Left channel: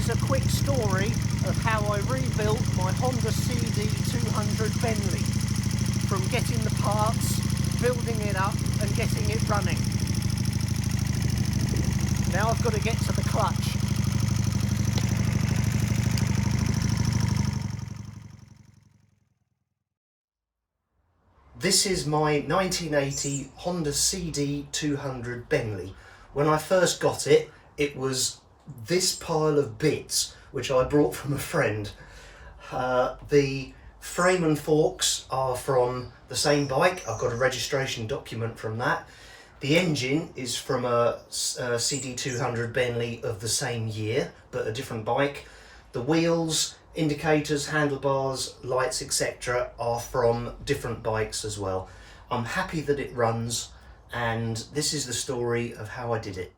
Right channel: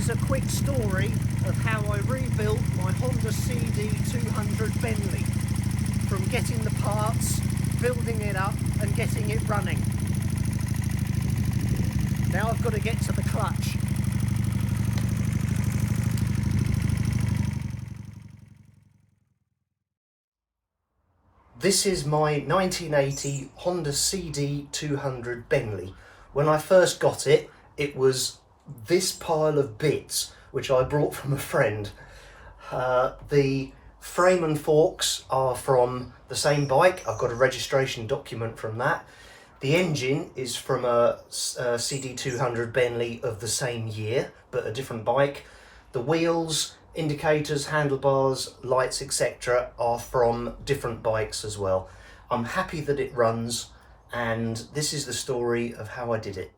is a quick story of how I rebuilt my Honda CD200 Bentley from getting the parts, building it up and getting it running. Now I've got to get to the clutch. This is my 1980 Honda CD200 Bentley. When I first got it, it was this pile of bits, which I brought from a friend. The frame and forks are from the same bike. I've got a registration document from that. The engine is from a CD200 Bentley of the same year, but a different bike. The wheels, indicators, handlebars, lights, etc. are from different bikes as well. I'm happy that it runs, and this is the story of how I did it.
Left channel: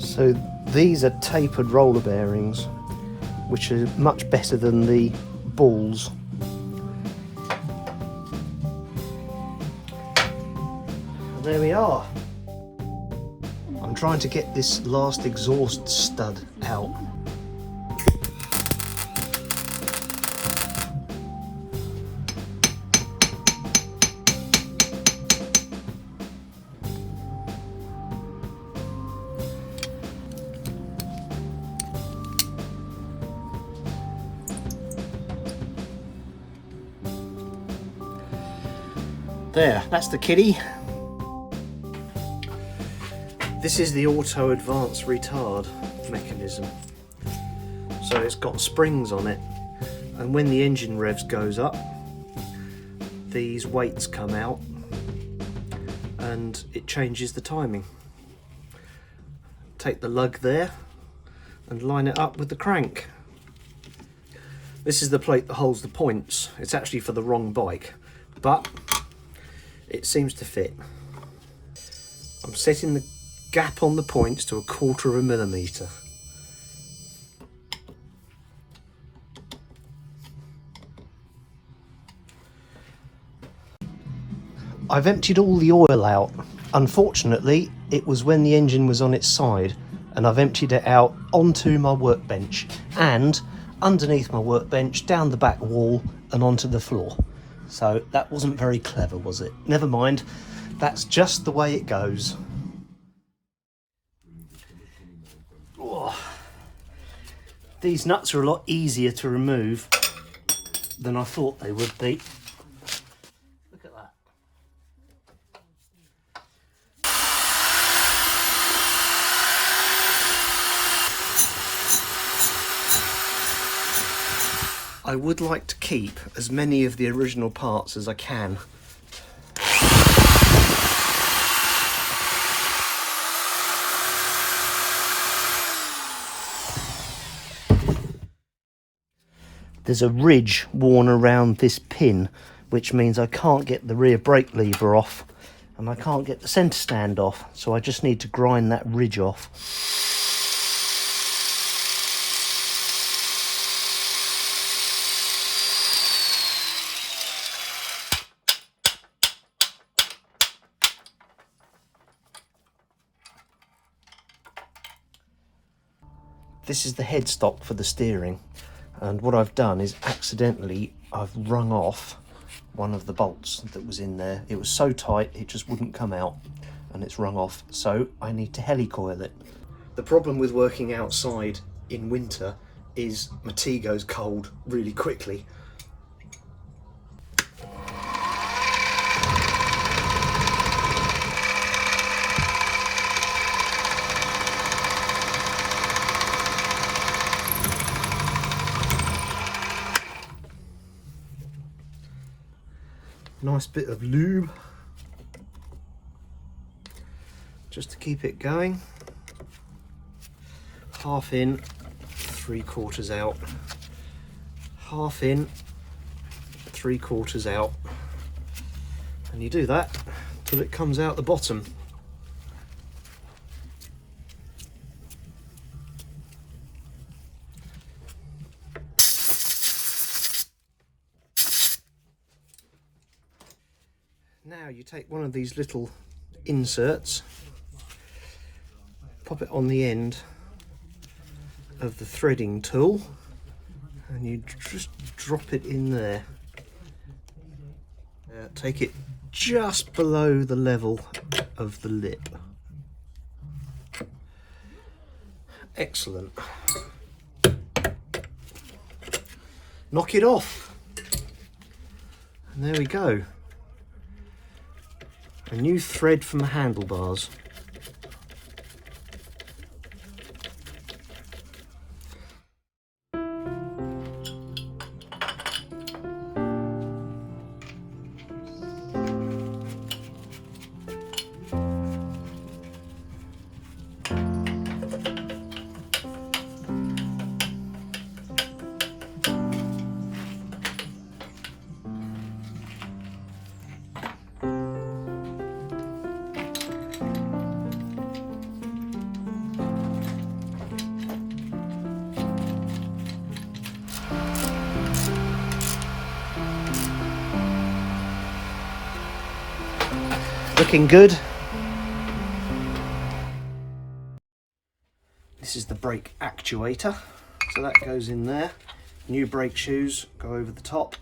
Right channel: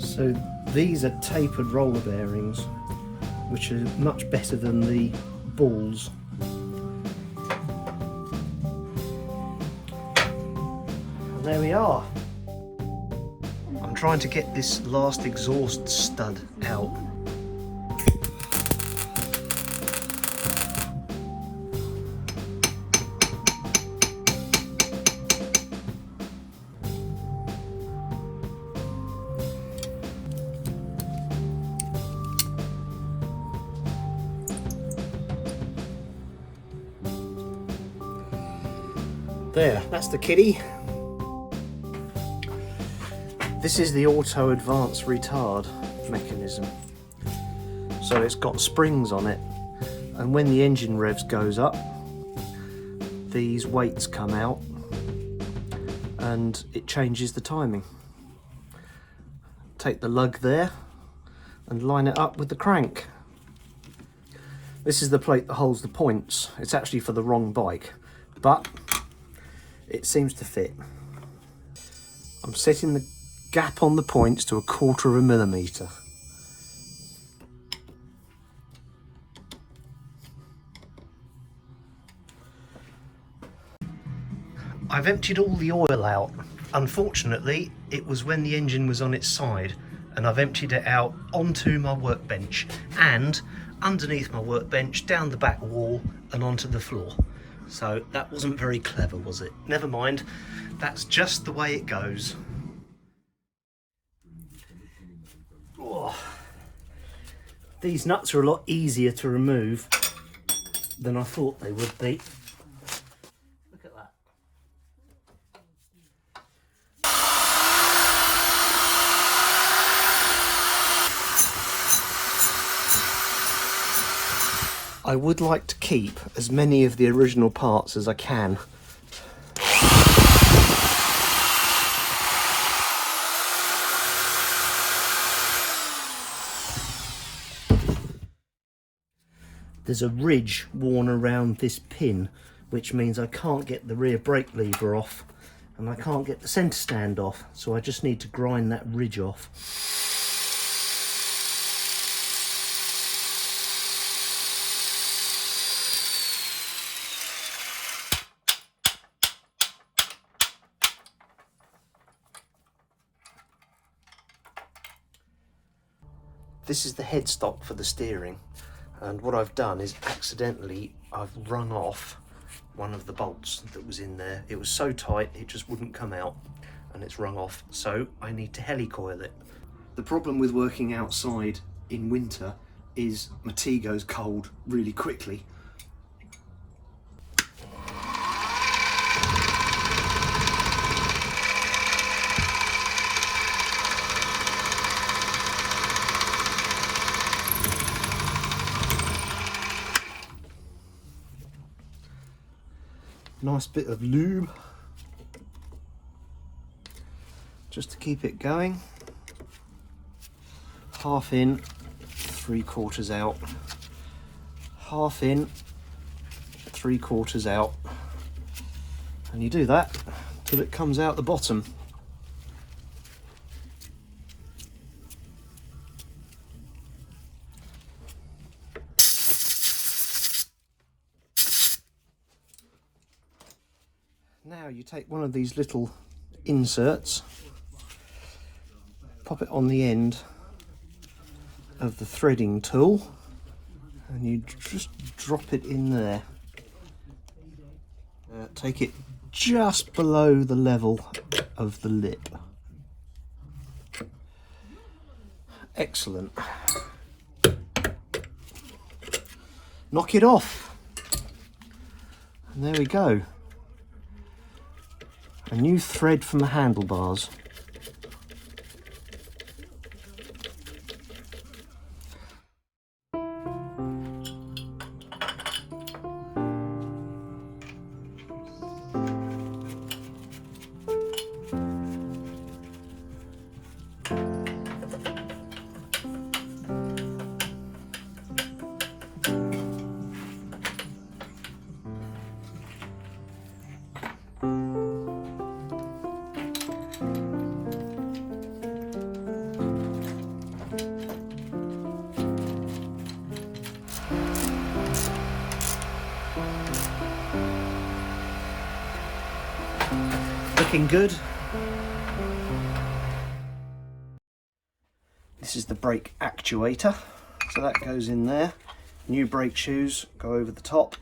So these are tapered roller bearings, which are much better than the balls. And there we are. I'm trying to get this last exhaust stud out. There, that's the kitty. This is the auto advance retard mechanism. So it's got springs on it, and when the engine revs goes up, these weights come out and it changes the timing. Take the lug there and line it up with the crank. This is the plate that holds the points. It's actually for the wrong bike, but it seems to fit. I'm setting the gap on the points to 1/4 millimeter. I've emptied all the oil out. Unfortunately, it was when the engine was on its side, and I've emptied it out onto my workbench and underneath my workbench, down the back wall and onto the floor. So that wasn't very clever, was it? Never mind, that's just the way it goes. Oh. These nuts are a lot easier to remove than I thought they would be. Look at that. I would like to keep as many of the original parts as I can. There's a ridge worn around this pin, which means I can't get the rear brake lever off and I can't get the centre stand off, so I just need to grind that ridge off. This is the headstock for the steering, and what I've done is accidentally I've wrung off one of the bolts that was in there. It was so tight it just wouldn't come out, and it's wrung off, so I need to helicoil it. The problem with working outside in winter is my tea goes cold really quickly. Nice bit of lube just to keep it going. Half in, 3/4 out. Half in, 3/4 out. And you do that till it comes out the bottom. Now you take one of these little inserts, pop it on the end of the threading tool, and you just drop it in there. Now take it just below the level of the lip. Excellent. Knock it off. And there we go. A new thread from the handlebars. Looking good. This is the brake actuator, so that goes in there. New brake shoes go over the top.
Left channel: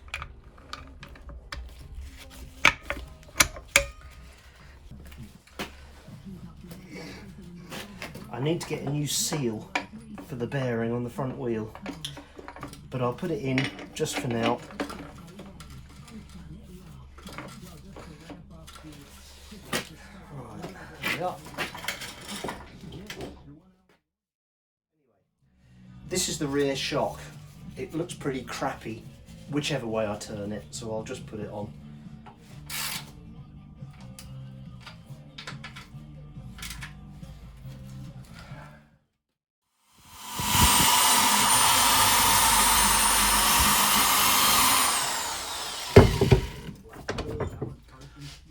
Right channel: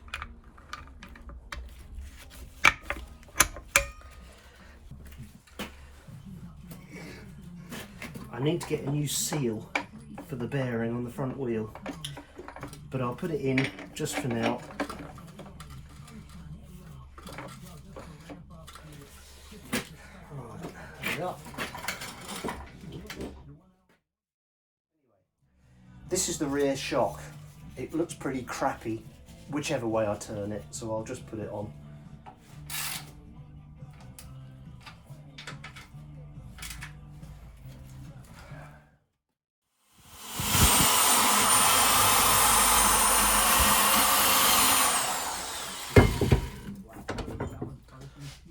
I need to get a new seal for the bearing on the front wheel, but I'll put it in just for now. This is the rear shock. It looks pretty crappy whichever way I turn it, so I'll just put it on.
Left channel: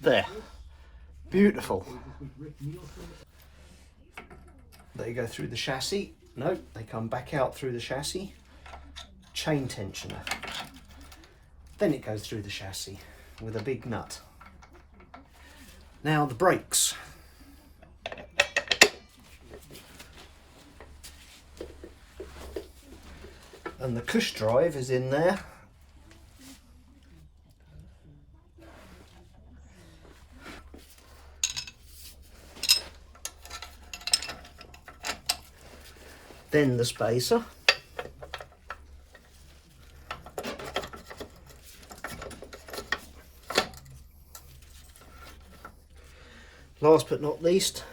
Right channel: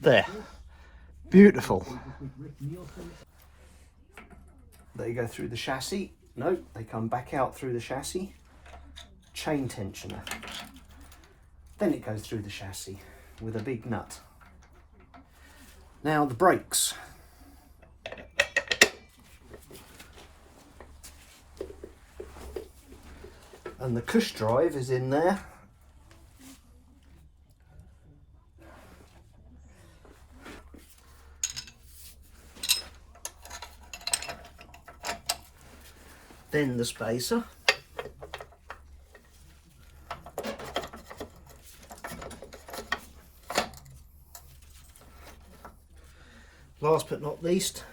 There. Beautiful. They go through the chassis. No, they come back out through the chassis. Chain tensioner. Then it goes through the chassis with a big nut. Now the brakes. And the cush drive is in there. Then the spacer. Last but not least,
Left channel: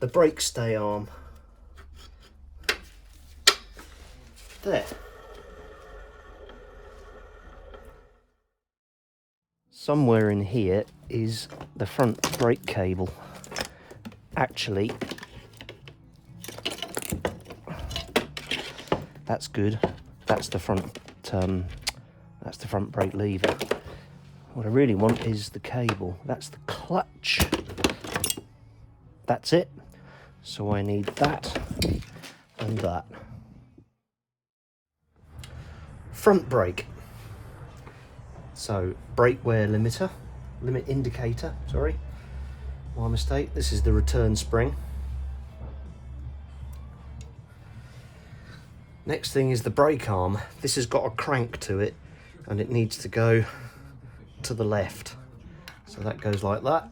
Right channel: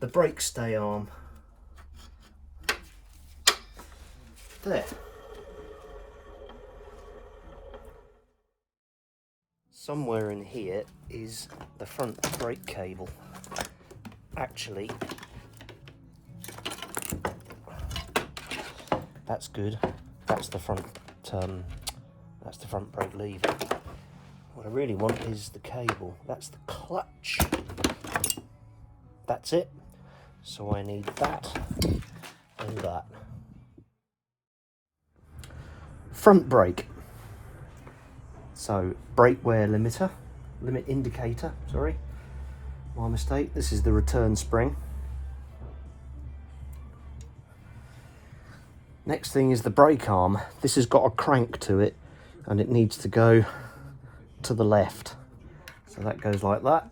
the brake stay arm. There. Somewhere in here is the front brake cable. Actually, that's good. That's the front brake lever. What I really want is the cable. That's the clutch. That's it. So I need that and that. Front brake. So brake wear limiter, limit indicator, sorry. My mistake. This is the return spring. Next thing is the brake arm. This has got a crank to it and it needs to go to the left. So that goes like that.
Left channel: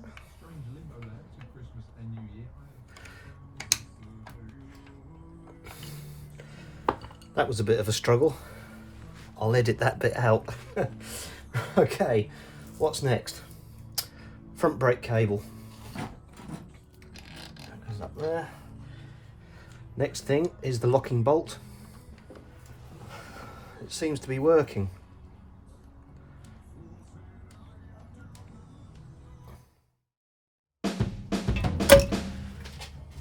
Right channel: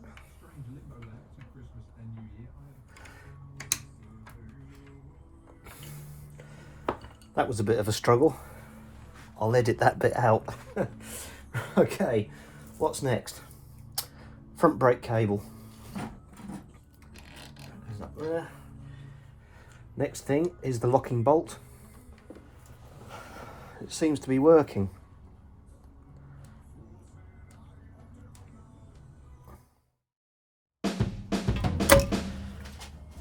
That was a bit of a struggle. I'll edit that bit out. Okay, what's next? Front brake cable. That goes up there. Next thing is the locking bolt. It seems to be working.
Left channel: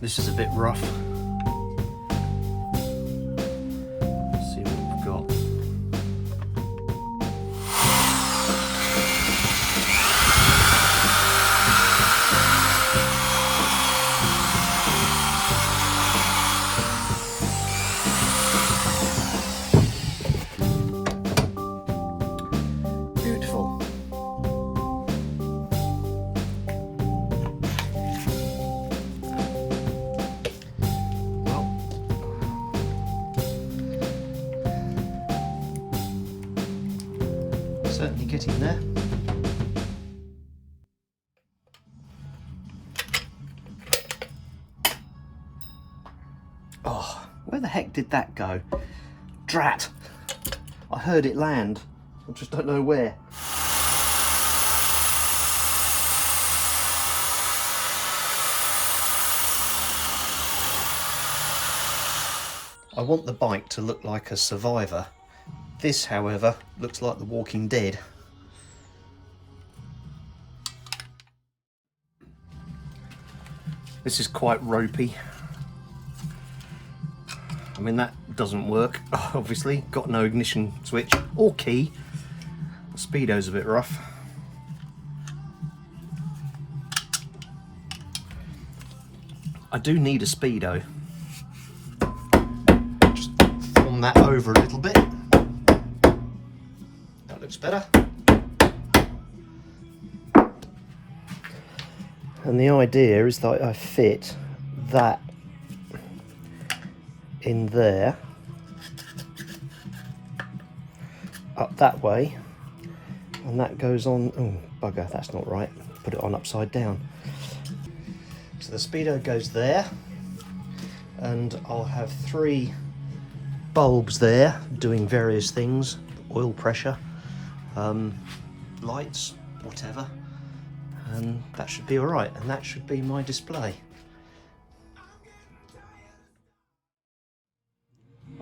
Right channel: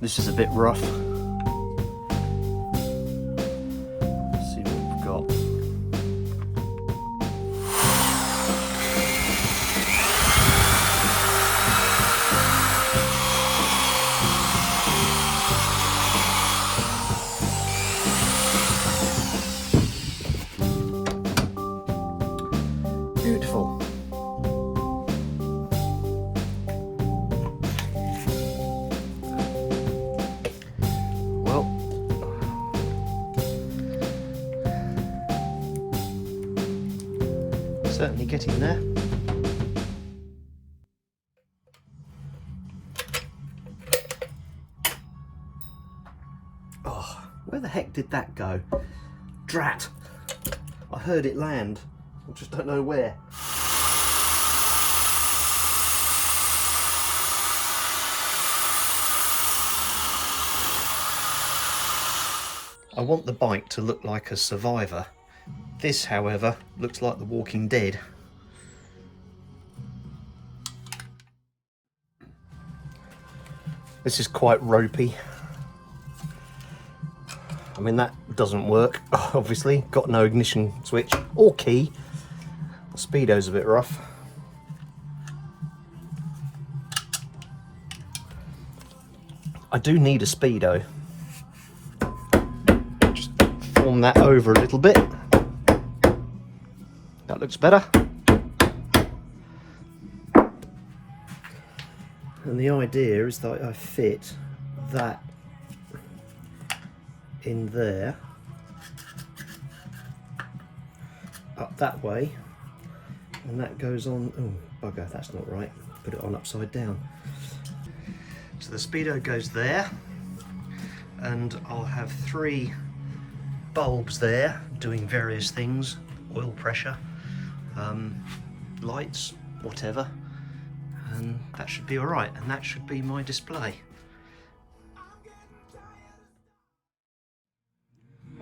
This is a bit rough. Let's see what we've got. Beautiful. certainly getting there. Oh, where the heck did that go? Drat! I heard it land. I just don't know where. I want the bike to look like a survivor. This, however, looks like The Walking Dead. This is quite ropey. I mean, that doesn't work, obviously. Got no ignition switch or key. The speedo's a bit rough. I do need a speedo. Just form that over a little bit. That looks better. And the idea is that I fit that in there, up that way, and that goes on. Oh bugger, that's not right. Put it on upside down. So the speedo goes there, and I'll have 3 bulbs there doing various things, oil pressure, lights, whatever, and that should be all right, and that should be my display.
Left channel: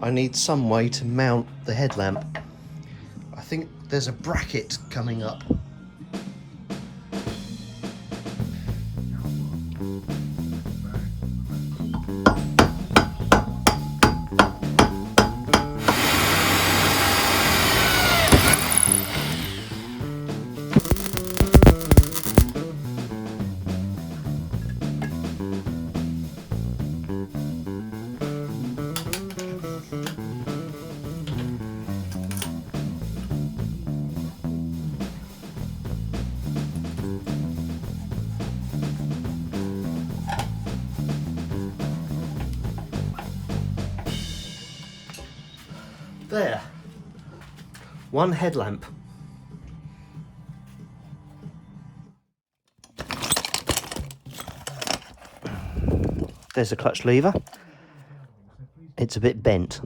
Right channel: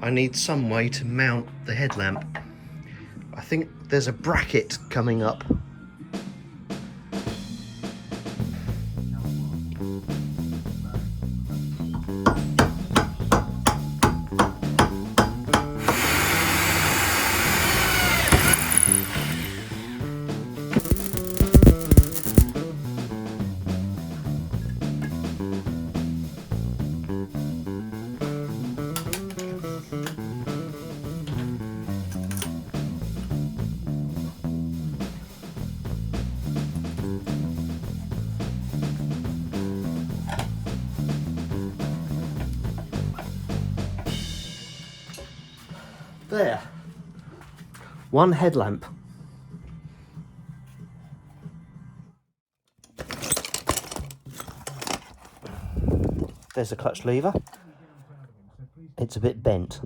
I need some way to mount the headlamp. I think there's a bracket coming up. There, 1 headlamp. There's a clutch lever. It's a bit bent,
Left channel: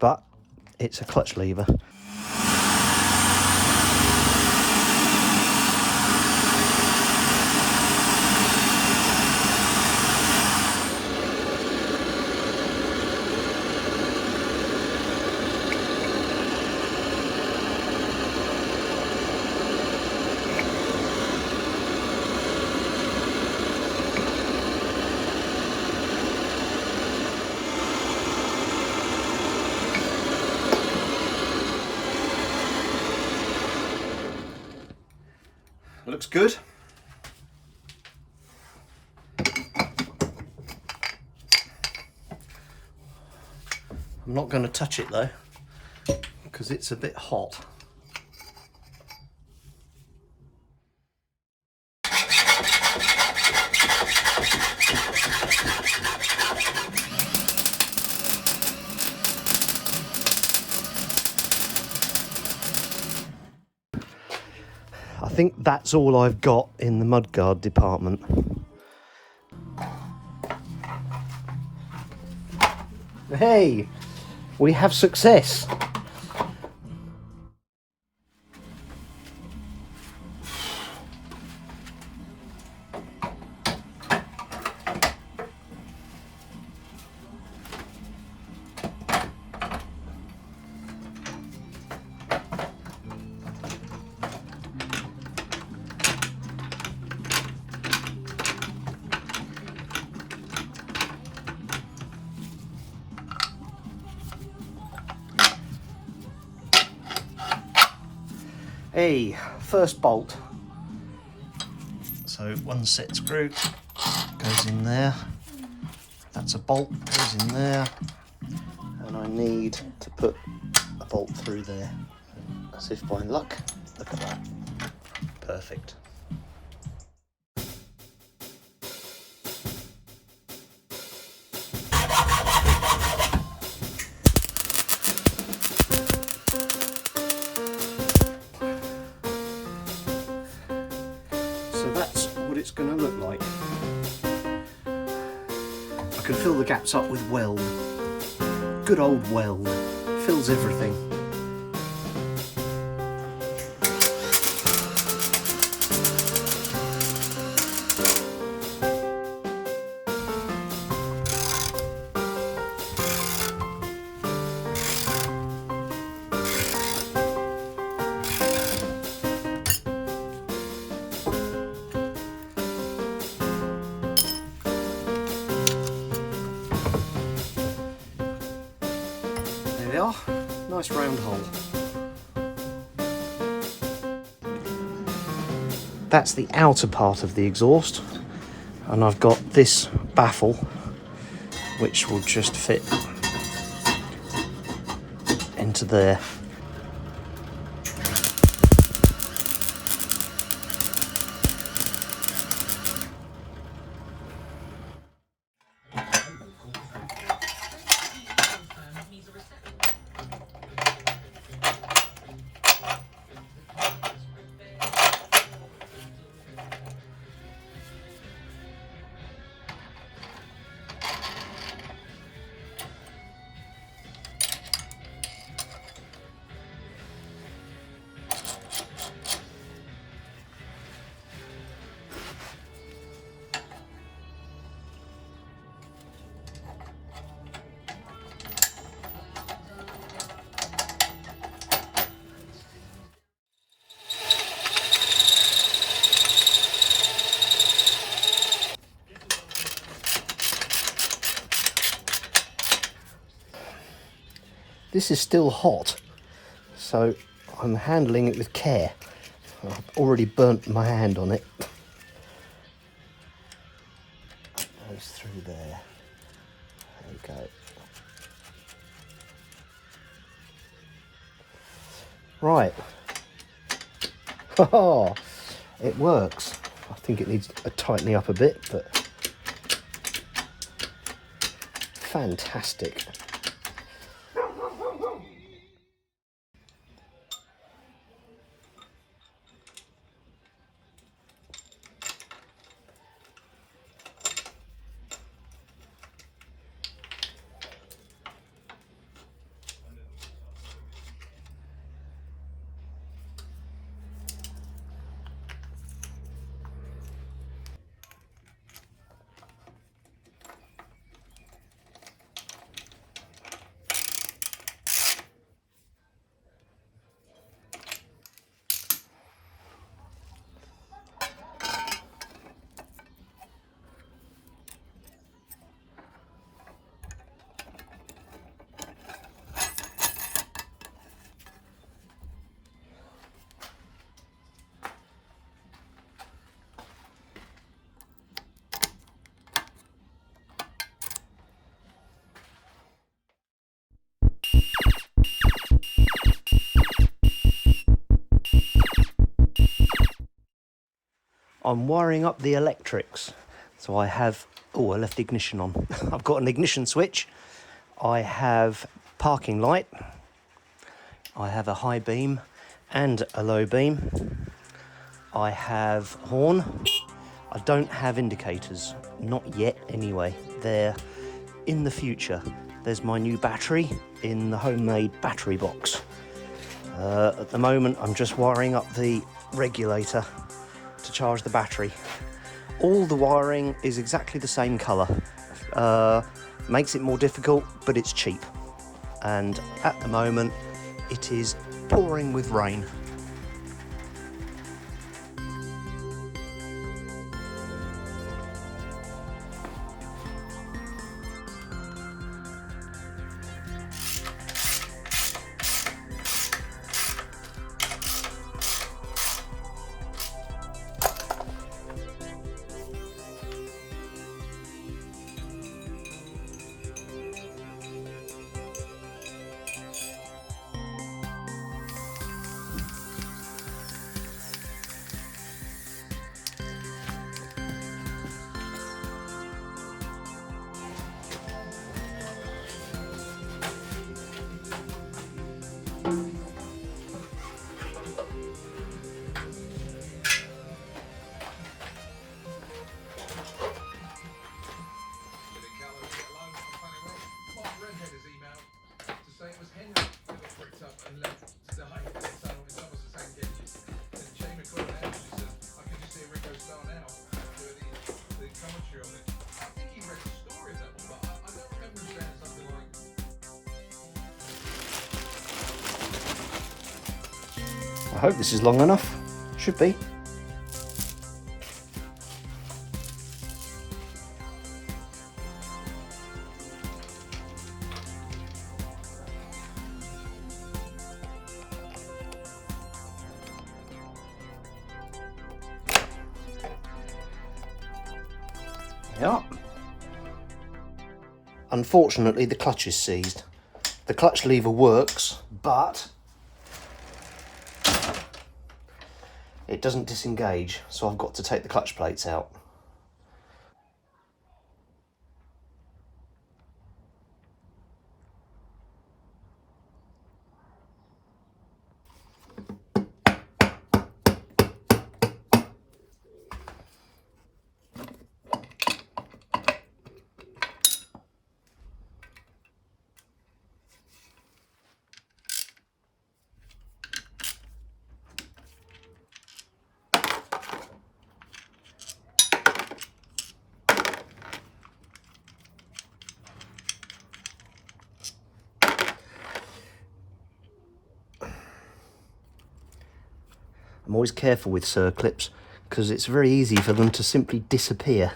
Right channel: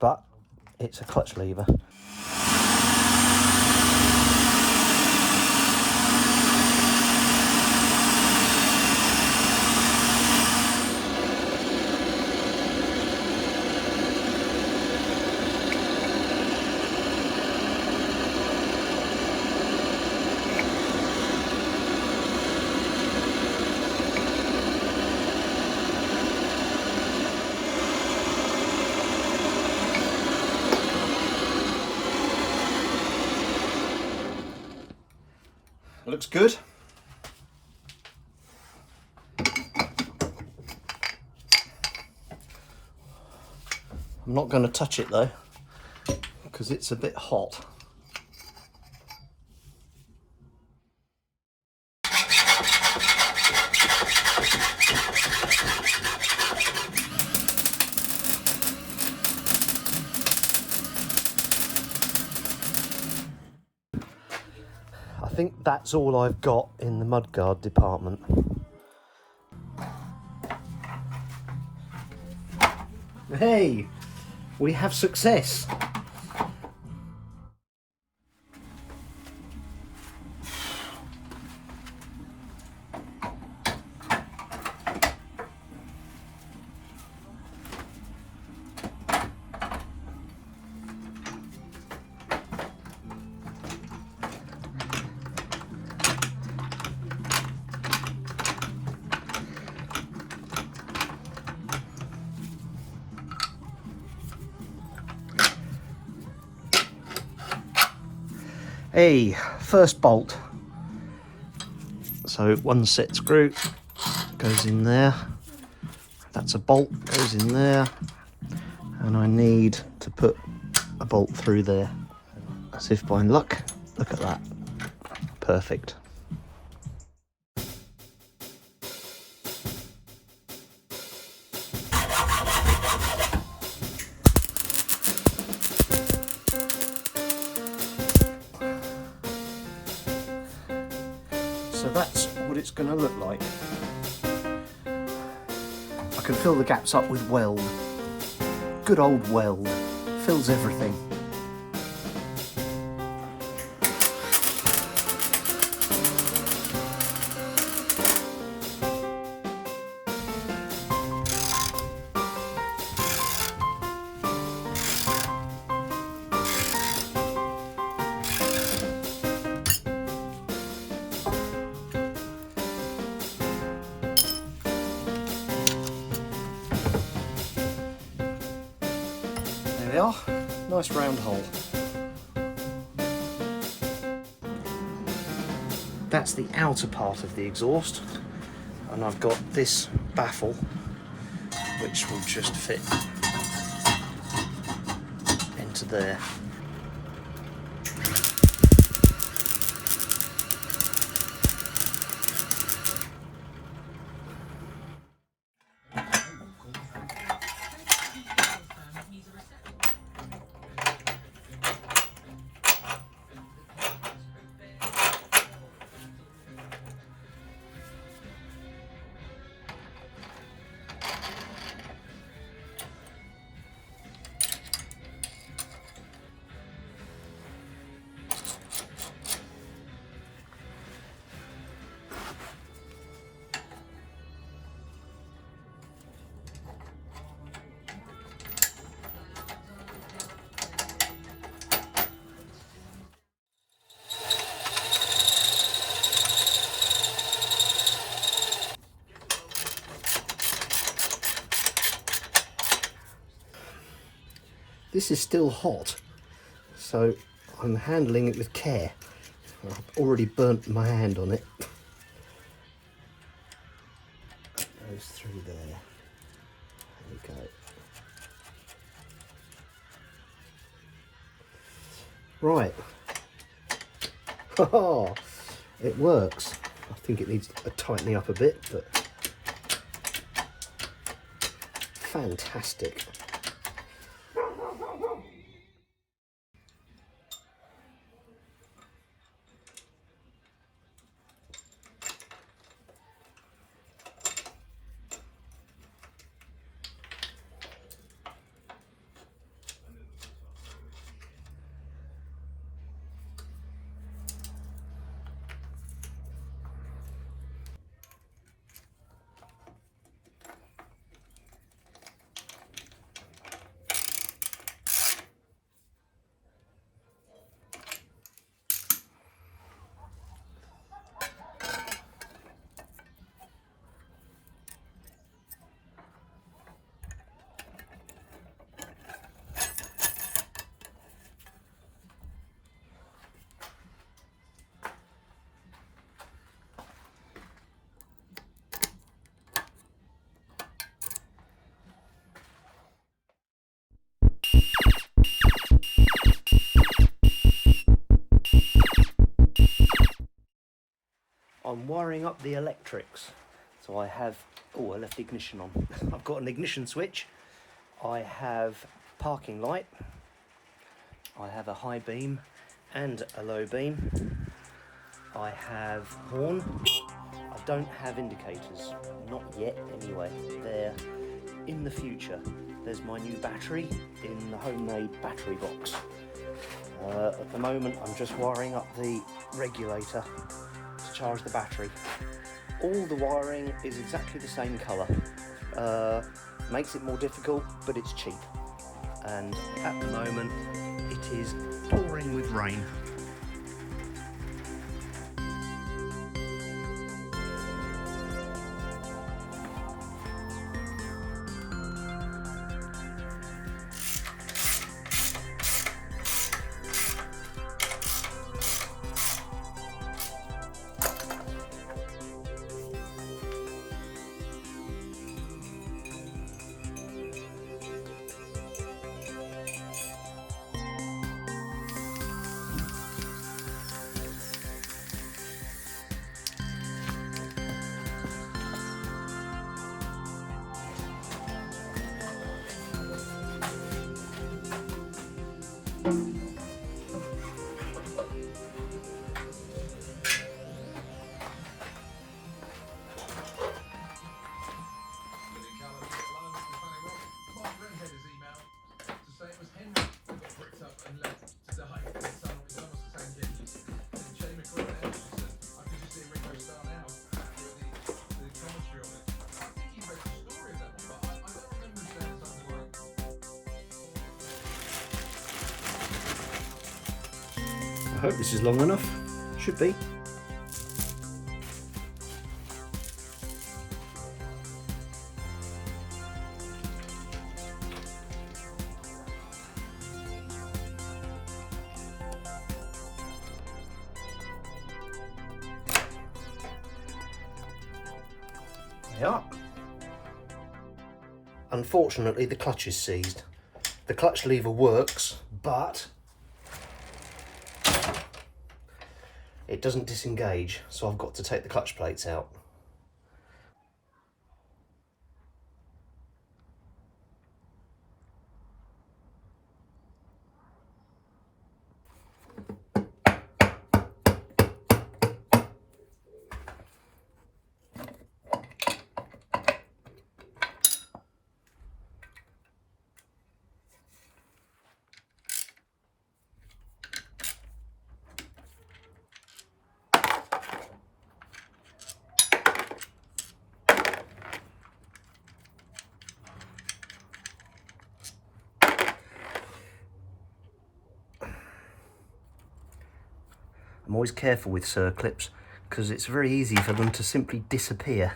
but it's a clutch lever. Looks good. I'm not going to touch it though, because it's a bit hot. I think that's all I've got in the mudguard department. Hey, we have success. Hey, first bolt. So 1 set screw goes in there. That's a bolt, goes in there. And I need to put a bolt through there. As if by luck, look at that. Perfect. can fill the gaps up with weld. Good old weld. Fills everything. There we are, nice round hole. That's the outer part of the exhaust, and I've got this baffle which will just fit into there. This is still hot, so I'm handling it with care. I've already burnt my hand on it. Goes through there. There we go. Right. Oh, it works. I think it needs a tightening up a bit, but fantastic. I'm wiring up the electrics. So I have, oh, I left the ignition on. I've got an ignition switch. I have parking light. I have a high beam and a low beam. I have horn. I don't have indicators, not yet anyway. They're in the future. There's my new battery in the homemade battery box. At the moment, I'm just wiring up the regulator to charge the battery. All the wiring is exactly the same colour. Makes it more difficult, but it's cheap. And at the moment, it is pouring with rain. I hope this is long enough. Should be. Yeah. Unfortunately, the clutch is seized. The clutch lever works, but it doesn't disengage, so I've got to take the clutch plates out. I'm always careful with circlips because it's very easy for them to simply disappear.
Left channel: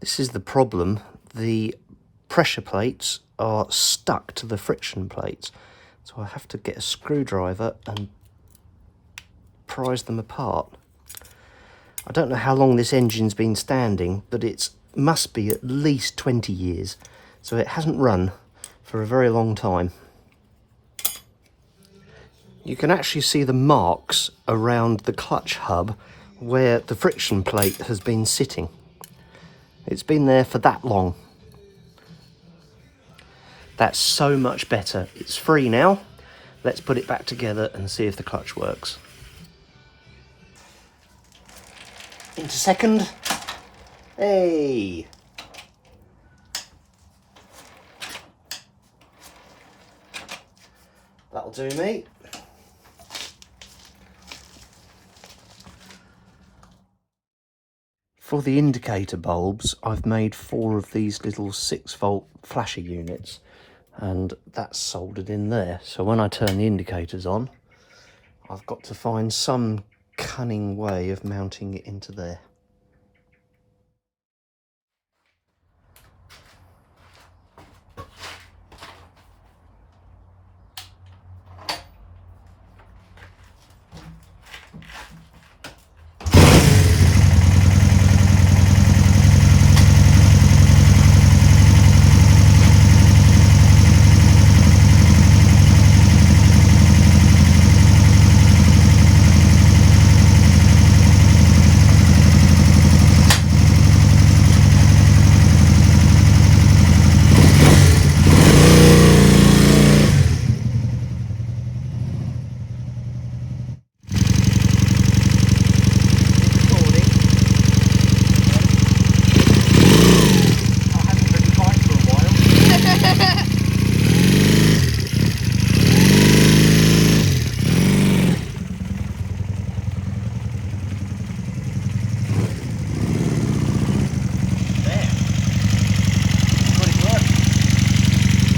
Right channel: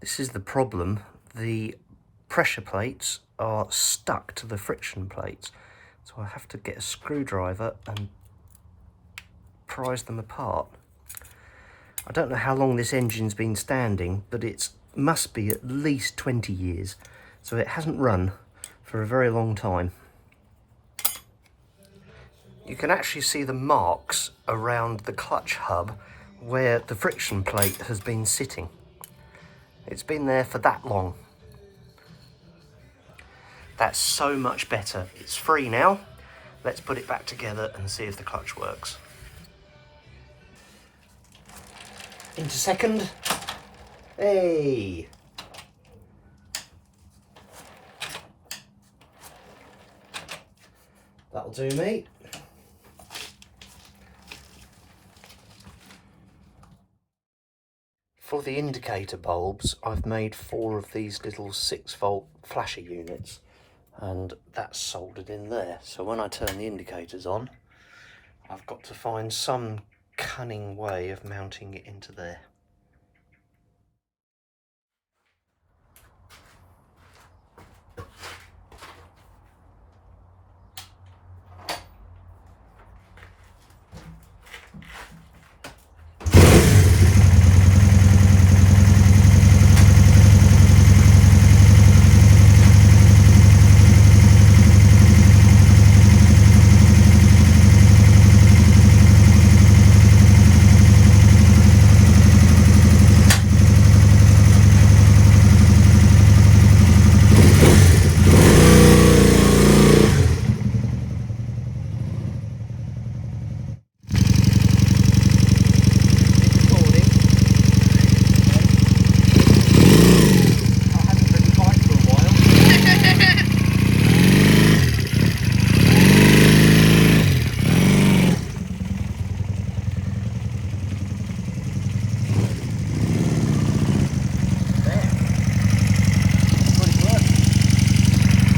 This is the problem. The pressure plates are stuck to the friction plates, so I have to get a screwdriver and prise them apart. I don't know how long this engine's been standing, but it must be at least 20 years, so it hasn't run for a very long time. You can actually see the marks around the clutch hub where the friction plate has been sitting. It's been there for that long. That's so much better. It's free now. Let's put it back together and see if the clutch works. Into second. Hey! That'll do me. For the indicator bulbs, I've made 4 of these little 6-volt flasher units, and that's soldered in there. So when I turn the indicators on, I've got to find some cunning way of mounting it into there.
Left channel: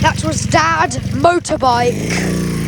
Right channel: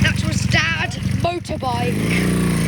That was Dad motorbike.